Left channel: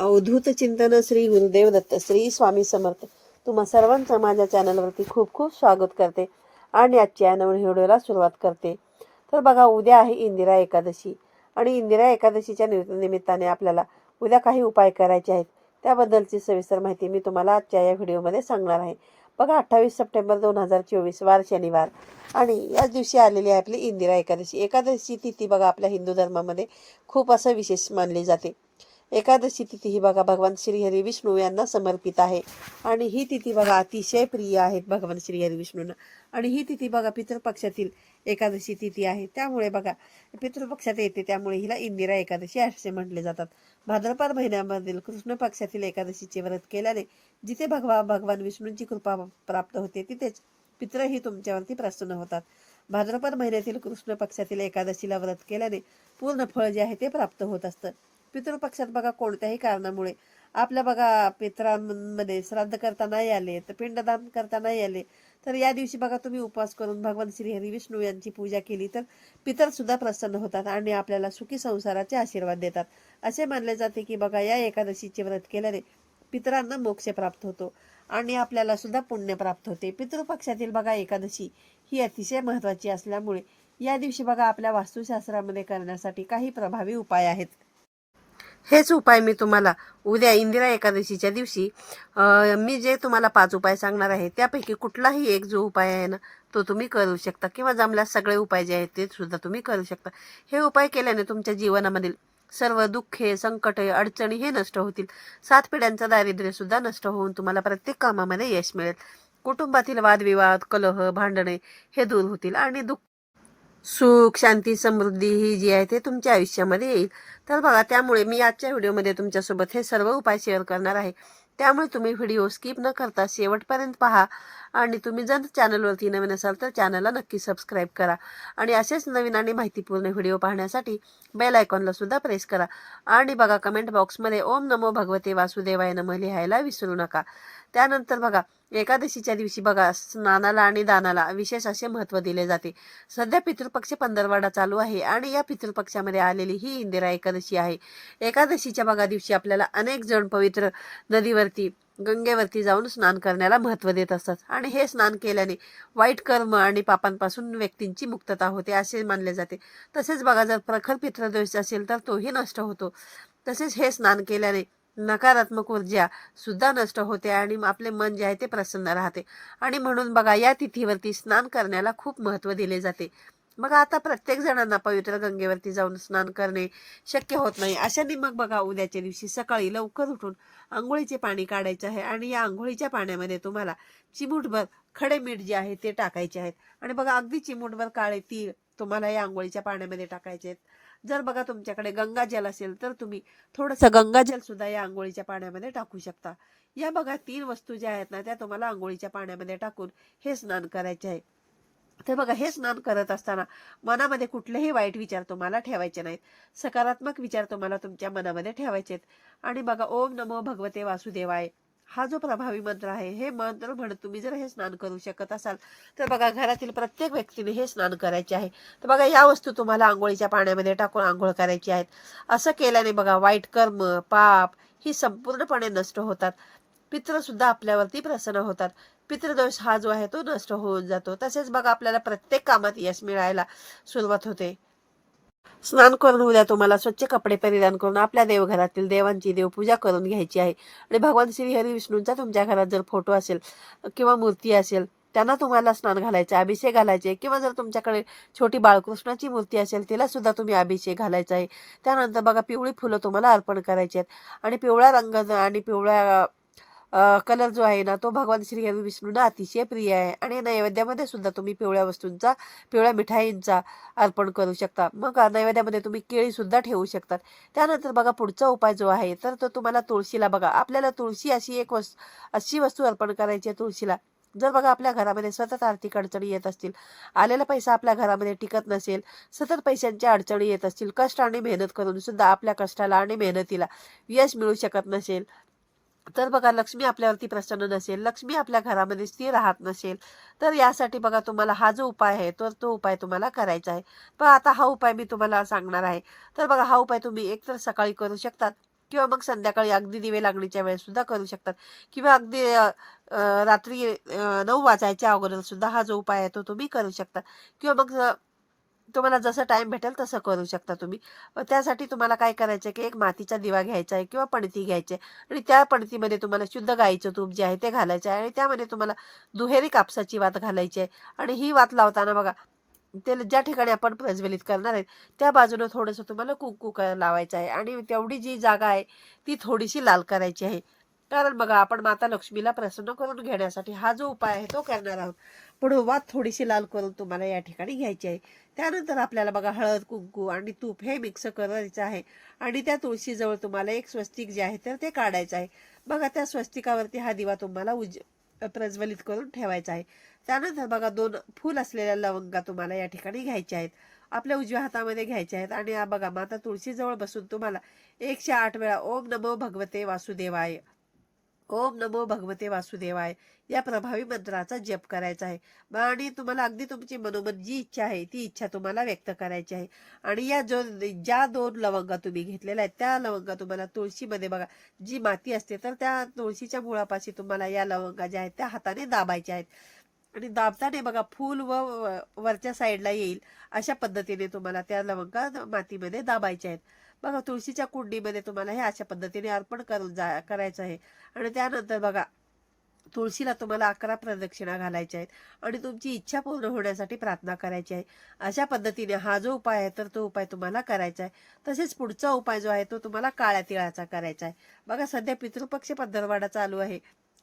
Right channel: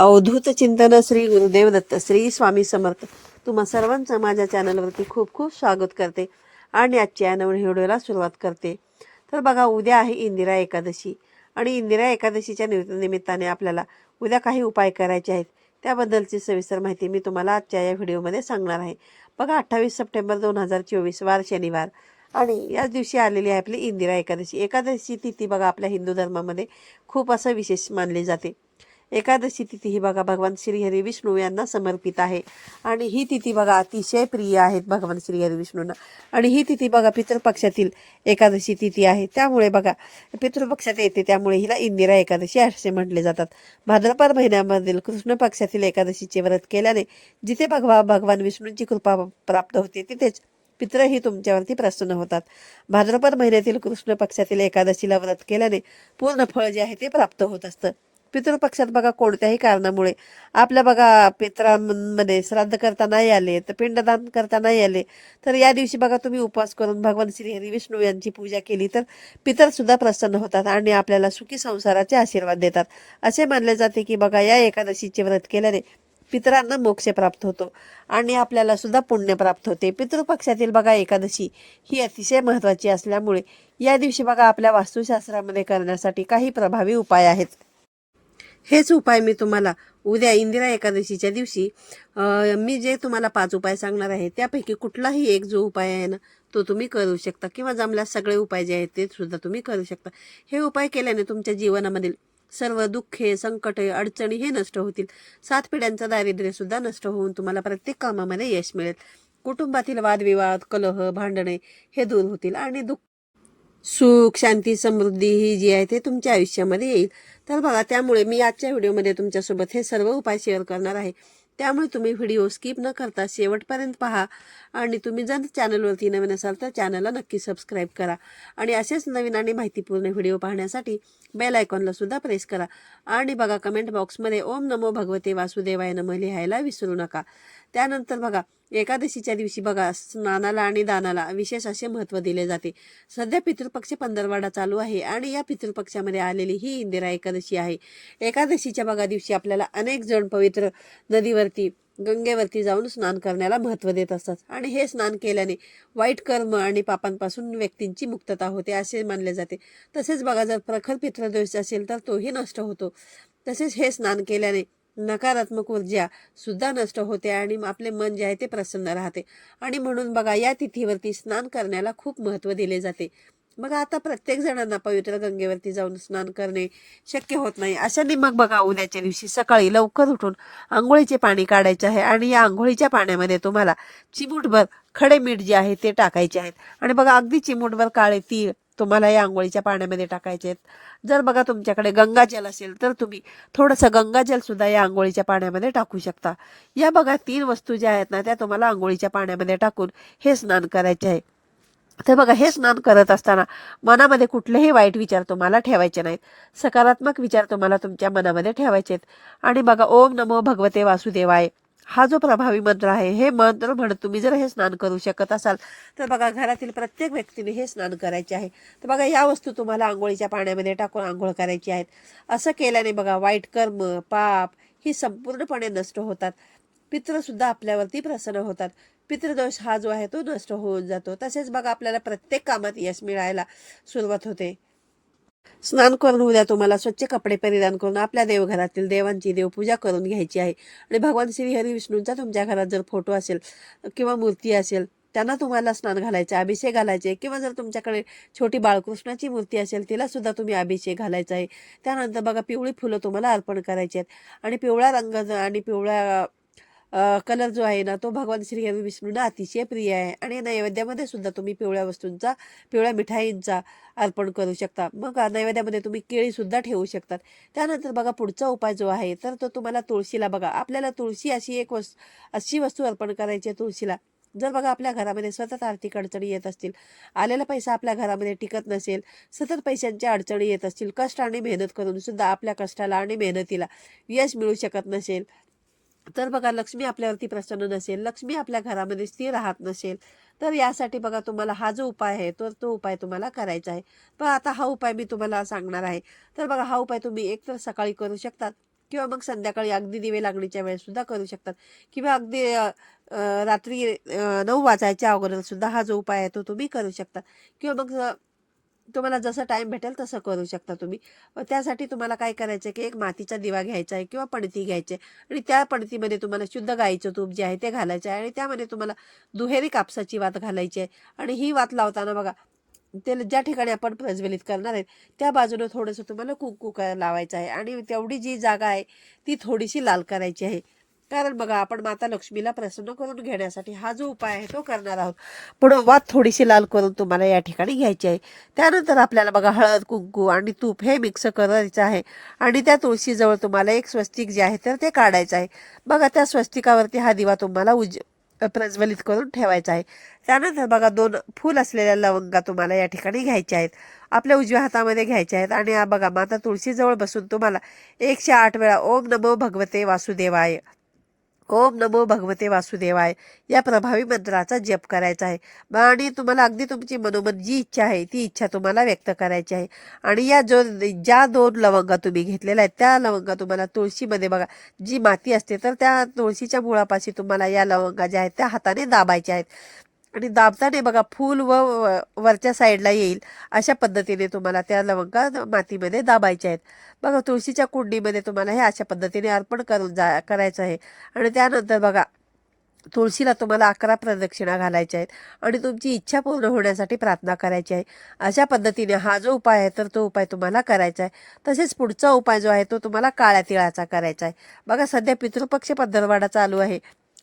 अवधूत चिंतन श्री गुरुदेव दत्त श्री स्वामी समर्थ. तुम्हा सर्वांचं माझ्या चॅनलवरती खूप खूप स्वागत करते आणि आजच्या नवीन व्हिडिओला सुरुवात करते. तर बघा उद्या आहे इंदिरा एकादशी आणि इंदिरा एकादशीच्या निमित्ताने आपल्याला उद्या काही उपाय करायचे आहेत. त्याबद्दलची सविस्तर माहिती मी तुम्हाला आजच्या या व्हिडिओमध्ये सांगणार आहे. बघा अठ्ठावीस सप्टेंबर दोन हजार चोवीस वार शनिवार. आणि याच दिवशी आलेली आहे आपली इंदिरा एकादशी. एकादशी तिथी बघा आपल्या हिंदू धर्मामध्ये खूप असं विशेष मानली जाते. एकादशी तिथी ही बघा भगवान श्रीहरी विष्णू यांना समर्पित आहे. आणि ही तिथी बघा अतिशय प्रिय आहेत भगवान श्रीहरी विष्णूंना. आणि ही तिथी बघा पितृपक्षातील एकादशी तिथी आहे. त्यामुळे बघा पितृपक्षात येते त्यामुळे हिला इंदिरा एकादशी असे म्हटले जातात. भाद्रपद महिन्यामधील कृष्ण पक्षातील एकादशीचे व्रत केल्याने जिथे भगवा भगवान विष्णूंची कृपा प्राप्त होते तिथेच पितरही तुमच्यावरती प्रसन्न होतात. भाद्रपद महिन्यातील कृष्ण पक्षातील एकादशीला व्रत केल्याने पूर्ण फळ जे आहे ते प्राप्त होत असतं. पितृपक्षात बघा कोणत्याही कारणामुळे. आपल्या बघा पित्रांमध्ये श्राद्ध करता नाही आले तर पिंडदान करता नाही आले तर या दिवशी बघा तुम्ही उपवास करून भगवान श्री हरी विष्णू यांची पूजा केली तर पितरसुद्धा प्रसन्न होतात आणि आपल्याला सुखी संसाराचे आशीर्वाद देतात. असे मानले जाते की बघा या एकादशीचे व्रत केल्याने पितरांना मोक्ष प्राप्त होतो आणि आपल्याला सुद्धा पुण्य प्राप्त होते. पितृपक्षातील बघा एकादशी ही अतिशय महत्त्वाची असल्यामुळे या दिवशी बघा आपल्या वास्तुशास्त्रामध्ये करण्यासाठी काही प्रभावी उपाय आहेत. हेच उपाय मी तुम्हाला उद्या इंदिरा एकादशीच्या दिवशी मी जे तुम्हाला पाच उपाय सांगणार आहे त्यापैकी कुठलाही एक जो उपाय आहे ना तो तुम्ही करू शकता. किंवा जमल्यास सगळे उपाय जे आहेत ते सुद्धा तुम्ही करू शकता. हे उपाय केल्याने तुमच्या जीवनामधील सर्व दुःखे संकटे अडचणी हे नष्ट होतील. सात पिढ्यांचं दारिद्र्यसुद्धा नष्ट होऊन तुम्हाला प्रत्येक कामामध्ये यश मिळेल. कुटुंबातील वादविवाद कलह भांडणे हे दूर होतील आणि दुःख सुख शांती समृद्धी ही जी आहे ते तुमच्या आयुष्यामध्ये येईल. तर बघा त्यामुळे मी आजच्या व्हिडिओमध्ये तुमच्यासोबत हे सर्व उपाय शेअर करणार आहे. त्यामुळे तुम्ही व्हिडिओ स्किप न करता शेवटपर्यंत पहा आणि तुम्ही जर चॅनलवरती नवीन असाल तर चॅनलला नक्की सबस्क्राईब करा आणि असेच नवीन आणि माहितीपूर्ण व्हिडिओ पाहण्यासाठी बेल आयकॉनला सुद्धा प्रेस करा. आणि बघा कमेंट बॉक्समध्ये ओम नमो भगवते वासुदेवाय नम लिहायला विसरू नका. त्यानंतर बघा एकादशीच्या दिवशी बघा स्नानाला आणि दानाला विशेष असे महत्त्व दिले जाते. सध्या पितृपक्ष पंधरवाडा चालू आहे आणि या पितृपक्षामध्ये आलेली ही इंदिरा एकादशी आहे. एकादशीच्या बघा दिवशी आपल्याला अनेक जण पवित्र नदीवरती गंगेवरती जाऊन स्नान करण्याला महत्त्व देत असतात. आणि हे स्नान केल्याने वाईट कर्म आणि पापांपासून व्यक्तींची मुक्तता होते असे मानले जाते. तसेच बघा जर प्रखर पितृदोष असेल तर तोही नष्ट होतो. तसेच हे स्नान केल्याने नकारात्मक ऊर्जा सुद्धा नष्ट होते आणि आपले मन जे आहे ते प्रसन्न राहते. आणि म्हणून बघा या तिथीवरती स्नान करण्याला खूप महत्त्व दिले जाते. बघा आता प्रत्येक जणांना पवित्र गंगेवरती जाऊन स्नान करणे शक्य होत नाही. अशाने मग बघा उद्याच्या दिवशी सकाळी लवकर उठून आंघोळीचे पाणी काढायचे आहे आणि या आंघोळीच्या पाण्यामध्ये तुम्हाला चिमूटभर खडे मीठ जे आहे ते टाकायचे आहेत. आणि बघा अगदी चिमूटभर काळे तीळ तुम्हाला या आंघोळीच्या पाण्यामध्ये टाकायचे आहेत जर बघा तुमच्याकडे गंगाजल असेल तर तुम्ही थोडंसं गंगाजल सुद्धा या आंघोळीच्या पाण्यामध्ये टाकू शकता. या बघा तीन वस्तू ज्या आहेत ना त्या तुम्हाला आंघोळीच्या पाण्यामध्ये टाकून हे स्नान करायचे आहे. तर बघा हे स्नान करत असताना मनामध्ये कुठलेही वाईट विचार तुम्हाला ठेवायचे नाहीत. सकारात्मक विचार तुम्हाला तुमच्या मनामध्ये ठेवायचे आहेत आणि बघा ओम नमो भगवते वासुदेवाय. हा जो प्रभावी मंत्र आहे हे मंत्र म्हणत तुम्ही जर हे स्नान करू शकत असाल तर बघा घरातील प्रत्येक व्यक्तीने हे स्नान करायचे आहे. तर बघा या वस्तू तुम्हाला आंघोळीच्या पाण्यामध्ये टाकून आंघोळ करायची आहेत. असं केल्याने बघा वाईट कर्म पाप ही संपूर्णपणे नष्ट होतात. पित्रसुद्धा आपल्यावरती प्रसन्न होतात. पितृदोष हा जो आहे तो नष्ट होऊन जातो. तसेच बघा आपल्याला प्रत्येक कामात यश मिळायला सुरुवात होते. स्नान करून उद्या तुम्हाला स्वच्छ कपडे परिधान करून आपल्या देवघरातील देवांची देवपूजा करून घ्यायची आहे. आणि भगवान श्री हरी विष्णूंचा तुमच्या घरात जर फोटो असेल किंवा मूर्ती असेल त्यांना तुम्हाला स्नान घालायचे अभिषेक घालायचे किंवा जर तुमच्याकडे छोटी बाळकृष्णाची मूर्ती असेल तिला सुद्धा तुम्ही अभिषेक घालायचा आहे. त्यानंतर बघा पिवळी फुलं तुम्हाला अर्पण करायची आहेत. आणि पिवळा रंग आणि पिवळ्या कलर जो आहे ना तो भगवान श्री हरी विष्णूंना अतिशय प्रिय आहे. आणि नैवेद्यामध्ये सुद्धा तुम्ही पिवळ्या वस्तूंचा पिवळ्या मिठाईंचा अर्पण करू शकता. मग नैवेद्यामध्ये तुम्ही केळीसुद्धा ठेवू शकतात. त्यानंतर बघा पुढचा उपाय जो आहे तर तो तुम्हाला तुळशीला बघा. आपल्याला तुळशी अशी एक वस्तू अशी वस्तू अर्पण करायची आहे तुळशीला. जर बघा आपल्या घरामध्ये सतत आर्थिक अडचणी येत असतील आलेला पैसा आपल्या घरामध्ये टिकत नसेल सतत पैशांच्या अडचणी येत असतील कष्ट आणि मेहनत करून सुद्धा आपल्या कष्टाला आणि मेहनतीला यश मिळू शकत नसेल तर बघा लक्ष्मी आपल्यावरती प्रसन्न नसेल लक्ष्मी आपल्या घरामध्ये स्थिर राहत नसेल तर यासाठी बघा तुम्हाला हा जो उपाय आहे तर तो उपाय तुम्हाला करायचा आहे. पण आता हा उपाय मी तुम्हाला सांगणार आहे. तर बघा हा उपाय तुम्ही एकतर सकाळी करू शकतात किंवा मग संध्याकाळी अगदी दिवे लागणीच्या वेळेस सुद्धा करू शकतात. किंवा अगदी रात्री नऊ वाजायच्या अगोदर सुद्धा हा जो उपाय आहे तो तुम्ही करू शकता. किंवा मग तुम्हाला जसं टाईम भेटेल तसं करू शकता तुम्ही. त्यासाठी तुम्हाला काय करायचं आहे की एक मातीचा दिवा घ्यायचा आहे किंवा पणती घ्यायची आहे. आणि त्या पणतीमध्ये तुम्हाला शुद्ध गाईचं तूप जे आहे ते घालायचं आहे. आणि त्यामध्ये तुम्हाला दुहेरी कापसाची वात घालायची आहे. आणि ही वात लावताना बघा ते ज्या ठिकाणी आपण प्रज्वलित करणार आहे त्या बाजूनं थोडंसं तुम्हाला कुंकू क- लावायचं आहे. आणि तेवढी जी जागा आहे ती थोडीशी लाल करायची आहे. कारण बघा आपण माता लक्ष्मीला प्रसन्न करून घेण्यासाठी हा जो उपाय आहे तो करणार आहोत. म्हणून वात थोडीशी लाल करून तुम्हाला या ठिकाणी घ्यायची आहे. त्यानंतर आपल्याला बघा हळद कुंकू आणि तूप हे मिक्स करायचं आहे. आणि त्या तुळशीजवळ तुम्हाला एक स्वस्तिक जे आहे तर ते काढायचं आहे. बघा त्या स्वस्तिकावरती हा दिवा तुम्हाला उज प्रज्वलित करून ठेवायचा आहे. त्यानंतर बघा दोन फूल असलेल्या लवंगा तुम्हाला या ठिकाणी घ्यायच्या आहेत. आपल्या उजव्या हातामध्ये घ्यायच्या आहेत. आणि हा बघा माता तुळशीजवळ बसून तुम्हाला एकशे आठ वेळा ओम नमो भगवते वासुदेवाय. ओम नमो भगवते वासुदेवाय. या प्रभावी मंत्राचा जप करायचा आहे. आणि तुम्हाला अगदी तुमची मनोमन जी इच्छा आहे ती इच्छा तुम्हाला व्यक्त करायची आहे. आणि या जो ज्या दोन लवंगा तुम्ही घेतलेल्या आहेत त्या लवंगा तुम्हाला तुळशीमध्ये बघा जी माती असते तर त्या तुळशीच्या मुळापाशी तुम्हाला या लवंगा ज्या आहेत त्या हाताने दाबायच्या आहेत. आणि दाबताना बघा फूल व- वरच्या साईडला येईल अशा पद्धतीने तुम्हाला त्या लवंगा मातीमध्ये दाबायच्या आहेत. बघा तुळशीच्या कुंडीमध्ये तुम्हाला हे अशा पद्धतीने अर्पण करून जा करायचं आहे. आणि त्यानंतर बघा तुळशीला तुम्हाला अकरा प्रदक्षिणा घालायच्या आहेत आणि तुमची इच्छा पूर्ण होण्यासाठी प्रार्थना करायची आहे. अशा पद्धतीने हा जो उपाय आहे तर तो उपाय तुम्हाला करायचा आहे. तसेच पुढचा उपाय जो आहे तो तुम्हाला काळ्या तिळाचा करायचा आहे. बघा सध्या पितृपक्ष पंधरवाडा चालू आहे.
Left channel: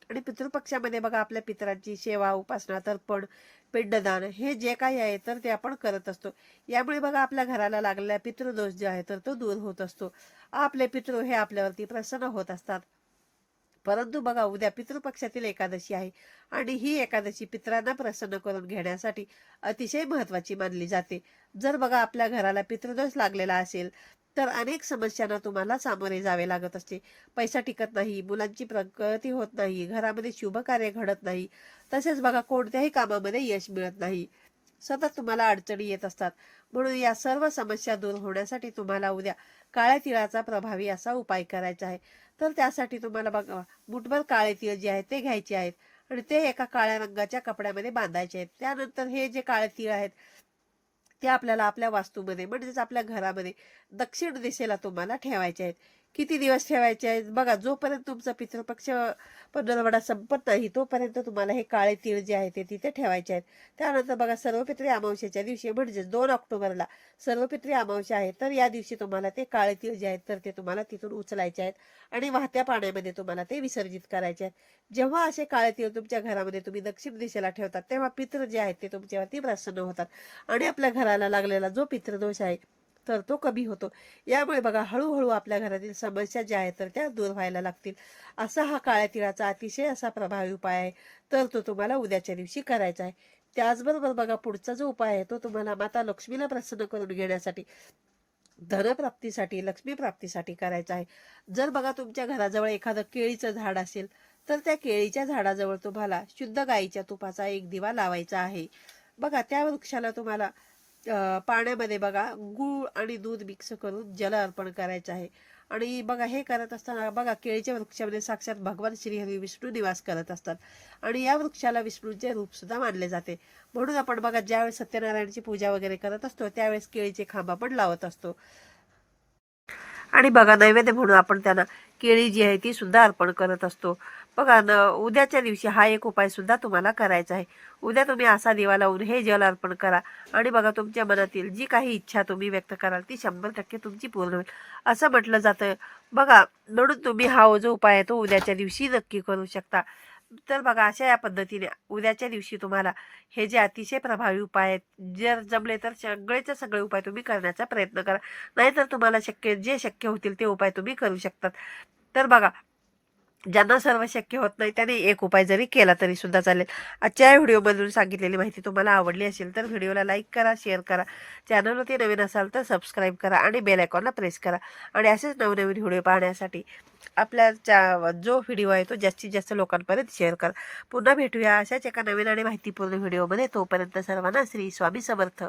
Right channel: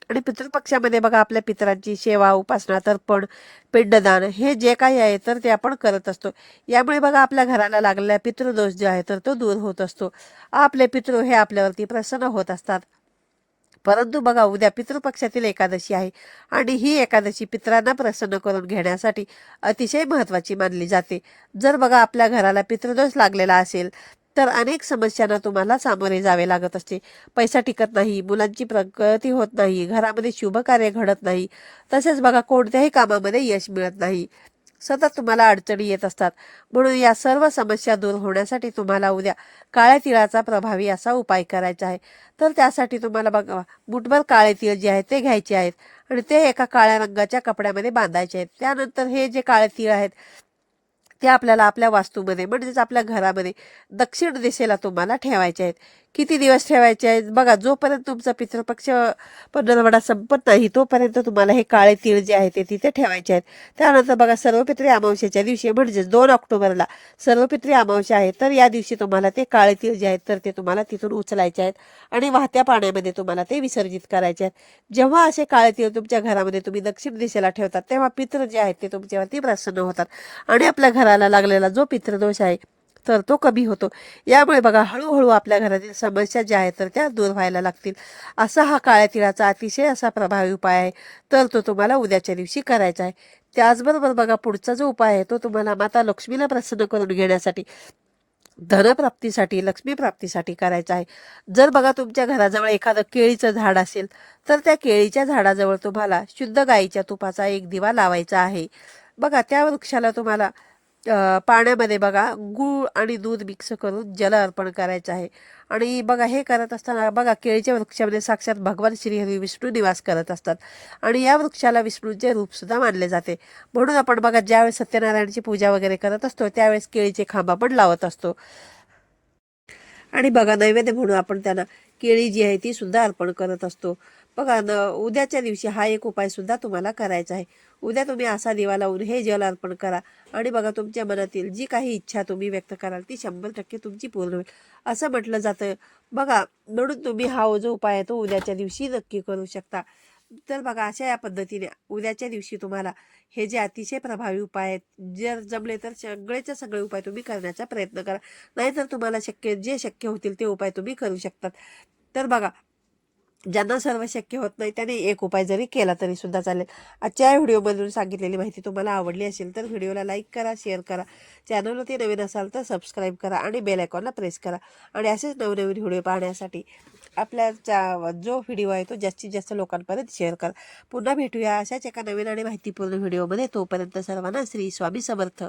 आणि पितृपक्षामध्ये बघा आपल्या पितरांची सेवा उपासना तर्पण पिंडदान हे जे काही आहे तर ते आपण करत असतो. यामुळे बघा आपल्या घराला लागलेला पितृदोष जो आहे तर तो दूर होत असतो. आपले पितृ हे आपल्यावरती प्रसन्न होत असतात. परंतु बघा उद्या पितृपक्षातील एकादशी आहे आणि ही एकादशी पितरांना प्रसन्न करून घेण्यासाठी अतिशय महत्त्वाची मानली जाते. जर बघा आपल्या घराला पितृदोष लागलेला असेल तर अनेक समस्यांना तुम्हाला सामोरे जावे लागत असते. पैसा टिकत नाही मुलांची प्रगती होत नाही घरामध्ये शुभ कार्य घडत नाही. तसेच बघा कोणत्याही कामामध्ये यश मिळत नाही. सतत तुम्हाला अडचणी येत असतात. म्हणून या सर्व समस्या दूर होण्यासाठी तुम्हाला उद्या काळ्या तिळाचा प्रभावी असा उपाय करायचा आहे. तर त्यासाठी तुम्हाला बघा मुठभर काळे तीळ जे आहेत ते घ्यायचे आहेत आणि ते एका काळ्या रंगाच्या कपड्यामध्ये बांधायचे आहेत. त्यानंतर हे जे काळे तीळ आहेत ते आपल्याला आपल्या वास्तूमध्ये म्हणजेच आपल्या घरामध्ये दक्षिण दिशेला तुम्हाला ठेवायचे आहेत. किती दिवस ठेवायचे आहेत? बघा जोपर्यंत तुमचा पितृपक्ष पंधरवडा संपत नाही तोपर्यंत तुम्हाला हे काळे तीळ जे आहे ते तिथे ठेवायचे आहेत. त्यानंतर बघा सर्वपित्री अमावस्याच्या दिवशी म्हणजेच दोन ऑक्टोबरला सर्वपित्री अमावस्या आहे तर या दिवशी तुम्हाला ते काळे तीळ जे आहेत तर ते तुम्हाला तिथून उचलायचे आहेत आणि वाहत्या पाण्यामध्ये तुम्हाला ते विसर्जित करायचे आहेत. जेव्हा असे काळे तीळ तुमच्या घरामध्ये तुम्ही दक्षिण दिशेला ठेवतात तेव्हा पितृ जे आहेत ते तुमच्यावरती प्रसन्न होतात. आणि आपल्या घराला लागलेला जो पितृदोष आहे तर तो कमी होतो. यामुळे बघा हळूहळू आपल्या घरातील समस्या ज्या आहेत तर त्या दूर व्हायला लागतील. असा हा काळ्या तिळाचा अतिशय असा प्रभावी उपाय आहे. तर तो तुम्हाला उद्याच्या दिवशी करायचा आहे. त्याचबरोबर बघा पुढचा जो उपाय आहे तो तुम्हाला माता लक्ष्मीला प्रसन्न करून घेण्यासाठी धनप्राप्तीसाठी लक्ष्मी प्राप्तीसाठी करायचा आहे. जर बघा तुमच्या घराजवळ एखादं केळीचं झाड असेल तर त्या केळीच्या झाडाजवळ तुम्हाला शुद्ध गाईच्या तुपाचा एक दिवा लावायचा आहे. बघा त्या वृक्षाला तुम्हाला पाण्यामध्ये बघा गूळ आणि दूध मिक्स करून जल अर्पण करायचं आहे. आणि बघा हे करत असताना बघा केळीच्या वृक्षामध्ये साक्षात भगवान श्रीहरी विष्णू निवास करत असतात. आणि या वृक्षाला विष्णूचे रूपसुद्धा मानले जाते. म्हणून आपण बघा ज्यावेळेस सत्यनारायणची पूजा वगैरे करत असतो त्यावेळेस केळीचे खांब आपण लावत असतो. आणि बघा नैवेद्य म्हणून आपण त्यांना केळी जी आहे ती सुद्धा अर्पण करत असतो. बघा न उद्याच्या दिवशी हा एक उपाय सुद्धा तुम्हाला करायचा आहे. उद्या तुम्ही असा दिवा लावून हे जल अर्पण करा आणि बघा तुमच्या मनातील जी काही इच्छा तुम्ही व्यक्त कराल ती शंभर टक्के तुमची पूर्ण होईल. असं म्हटलं जातं. बघा म्हणून तुम्ही हा जो उपाय आहे तो उद्याच्या दिवशी नक्की करू शकता. तर बघा अशा या पद्धतीने उद्याच्या दिवशी तुम्हाला हे जे अतिशय प्रभावी उपाय आहेत जर जमले तर सगळेचे सगळे उपाय तुम्ही करण्याचा प्रयत्न करा. नाहीतर तुम्हाला शक्य जे शक्य होतील ते उपाय तुम्ही करू शकतात. तर बघा ज्यांना सर्व शक्य होत नाही त्याने एक उपाय जरी केला तरी सुद्धा चालेल. आजच्या या व्हिडिओमधून सांगितलेली माहिती तुम्हाला आवडली असेल तर व्हिडिओला लाईक करा शेअर करा. चॅनलवरती नवीन असाल तर सबस्क्राईब करा आणि बेल आयकॉनला प्रेस करा. आणि असेच नवनवीन व्हिडिओ पाहण्यासाठी आपल्या जो व्हिडिओ आहे तो जास्तीत जास्त लोकांपर्यंत शेअर करा. पुन्हा भेटूया अशाच एका नवीन आणि माहितीपूर्ण व्हिडिओमध्ये तोपर्यंत सर्वांना श्री स्वामी समर्थ.